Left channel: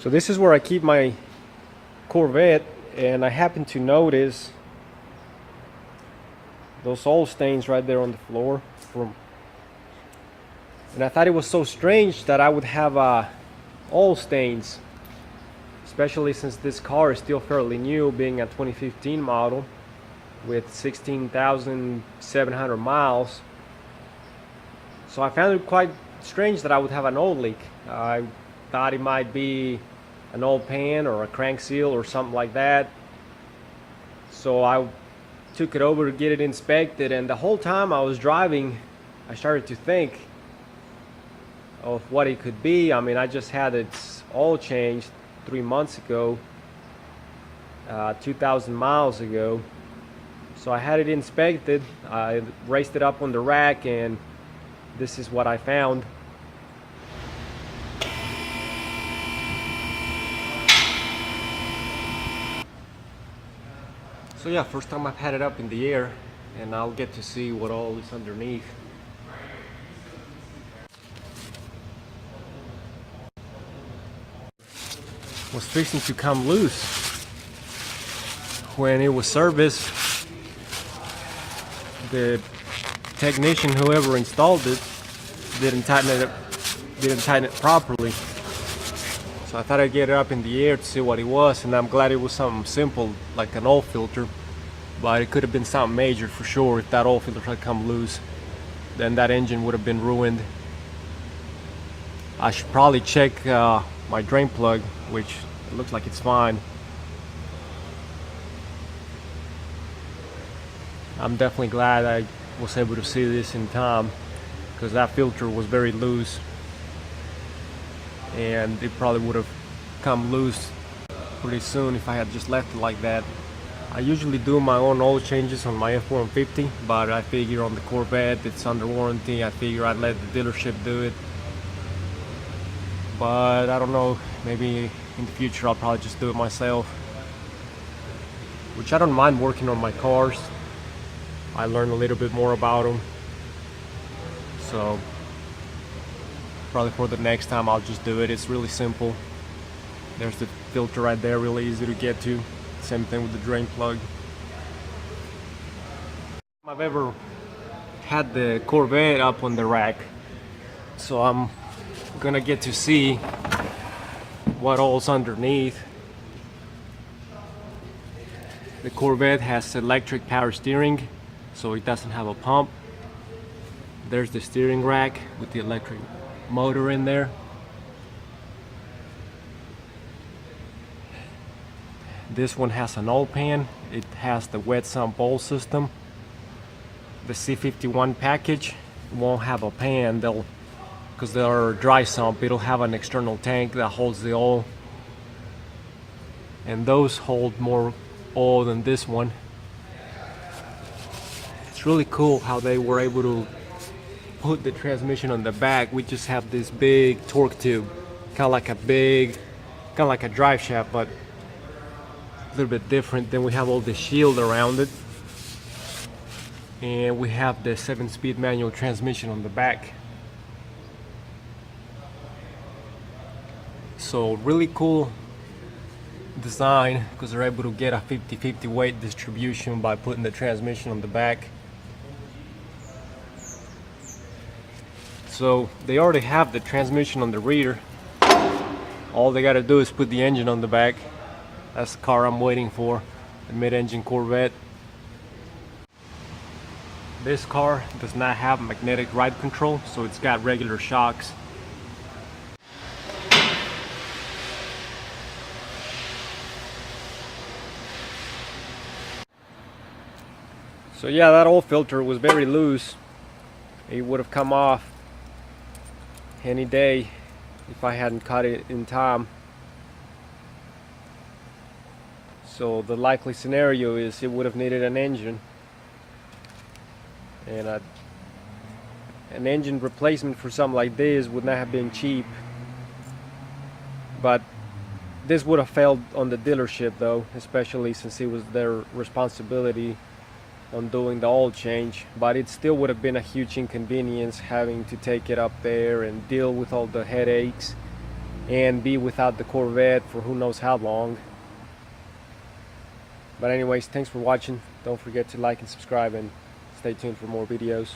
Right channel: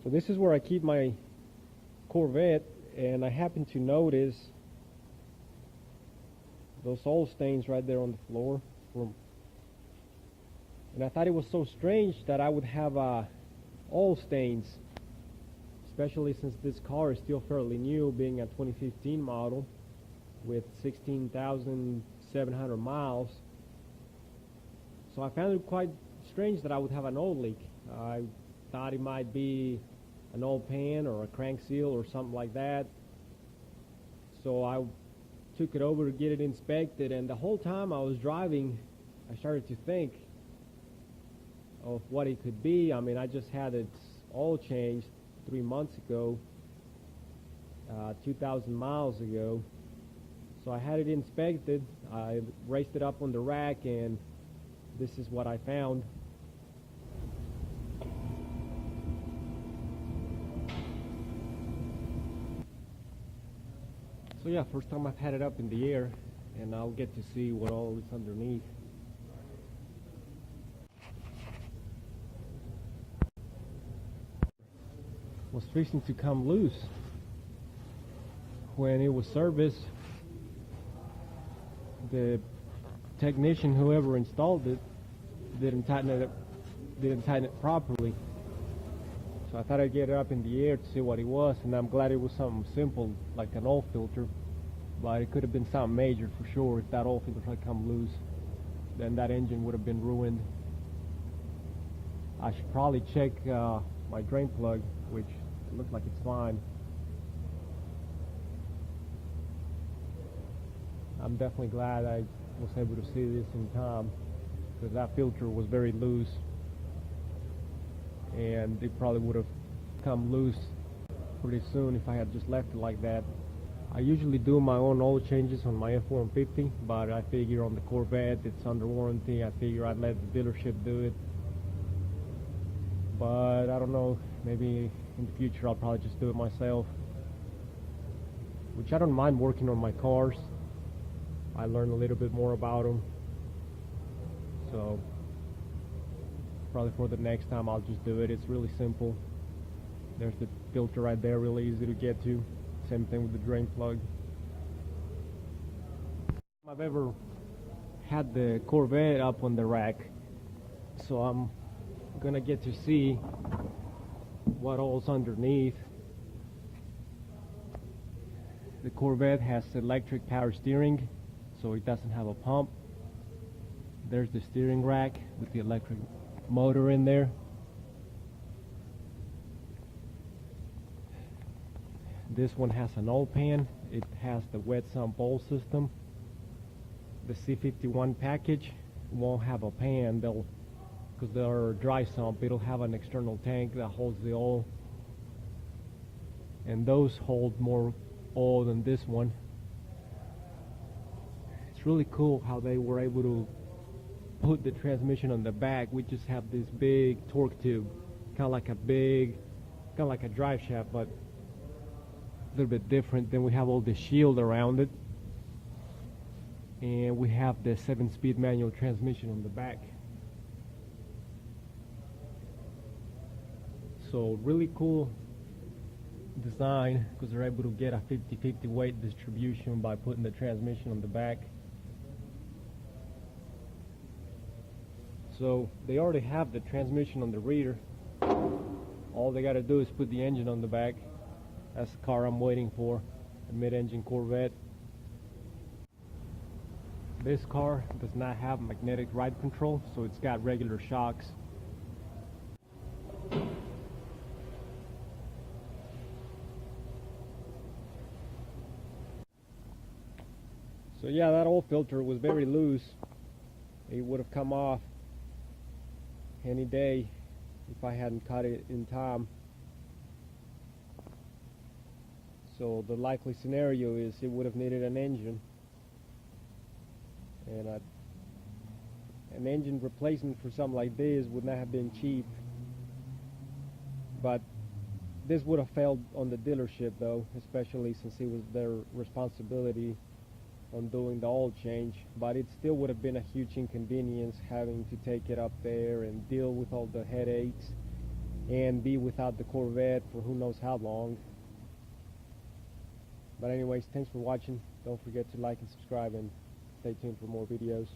So this is where I keep my Corvette, and I happen to notice those oil stains right there on the floor and I thought it was so strange that I would have oil stains, especially since this car is still fairly new, being a 2015 model with 16,700 miles. So I found it quite strange that I would have an oil leak. I thought it might be an oil pan or a crank seal or something like that. So I took it over to get it inspected, and the whole time I was driving I started to think of what it could be. I mean, I just had its oil changed 3 months ago, 2,000 miles ago. So I had it inspected. I raised it up on the rack, and this is what I found. So yeah, first time I've had it up in the air, and I'll get to see what all is underneath. Was fixing to come loose when it was serviced. The technician, whoever installed it, didn't tighten it properly. So I thought I'd get it up in the air to see what it was, and I'm glad it was something simple like an oil filter, but it could have been something major for sure. If that oil filter had come loose, then that engine would have been ruined. I should probably check my drain plug, which it looks like it's fine. I'm definitely glad I was able to see this in time, because that filter was very loose and it probably would have come loose pretty soon if I had just left it like that. I usually do my own oil changes on my F-150, but I figure on the Corvette it's under warranty. I figure I'd let the dealership do it, but I don't know, maybe in the future I'll probably just do it myself, which I don't mind working on my cars. I learn a little bit more about them, so probably for the next time I'll just do it. It's really simple. There's the filter right there, really easy to get to. Same thing with the drain plug. I've ever had the Corvette up on the rack, so I'm gonna get to see what all's underneath. The Corvette has electric power steering, so it doesn't have a pump. There's the steering rack with the electric motor in there. This one has an oil pan. It has the wet sump oil system. The C51 package won't have a pan, because they're dry sump. It'll have an external tank that holds the oil, and those hold more oil than this one. It's really cool how they were able to put the transmission on the back. We just have this big torque tube, kind of like a drive shaft, but a little bit different. Then we have all the shield around it, and we have the 7-speed manual transmission on the back. So really cool design, because they're able to get a 50-50 weight distribution by putting the transmission on the back. So they already have the transmission on the rear. All they got to do is put the engine on the back. That's the car I'm waiting for, the mid-engine Corvette. This car does not have magnetic ride control, so it's got regular shocks. So yeah, that oil filter was very loose. It would have come off any day if I hadn't cut it in time. So the likely scenario is it would have needed an engine, and an engine replacement for something like this would not have been cheap. But this would have failed on the dealership though, especially since it was their responsibility on doing the oil change. But it still would have been a huge inconvenience having to take it up there and deal with all the headaches and be without the Corvette for who knows how long. But anyways, thanks for watching. Don't forget to like and subscribe, and stay tuned for more videos.